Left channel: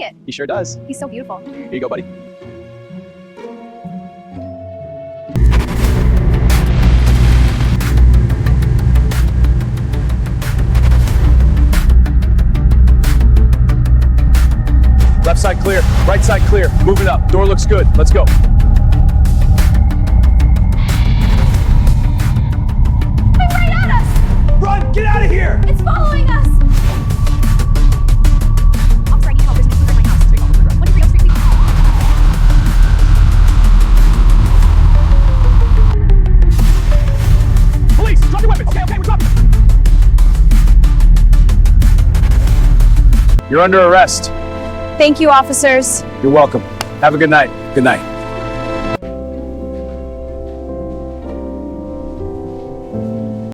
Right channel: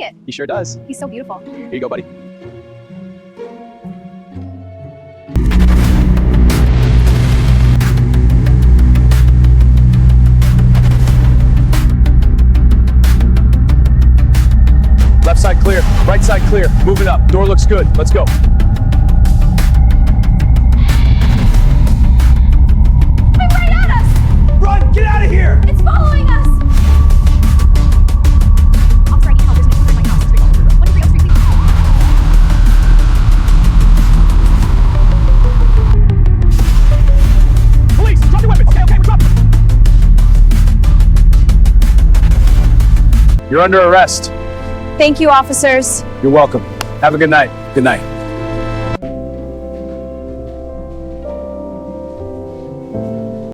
like it. He sure does. He's so beautiful. Here you go, buddy. Left side clear, right side clear. Moving up. Door looks good. Let's go. It's right at us! Run! Get out of here! It's following us! Officer, I need help. There's an intruder in my house. 123 Elm Street, please. Police! Drop your weapons! Okay, we're dropping them. You're under arrest. Thank you, officers. You're welcome. Have a good night. Good night.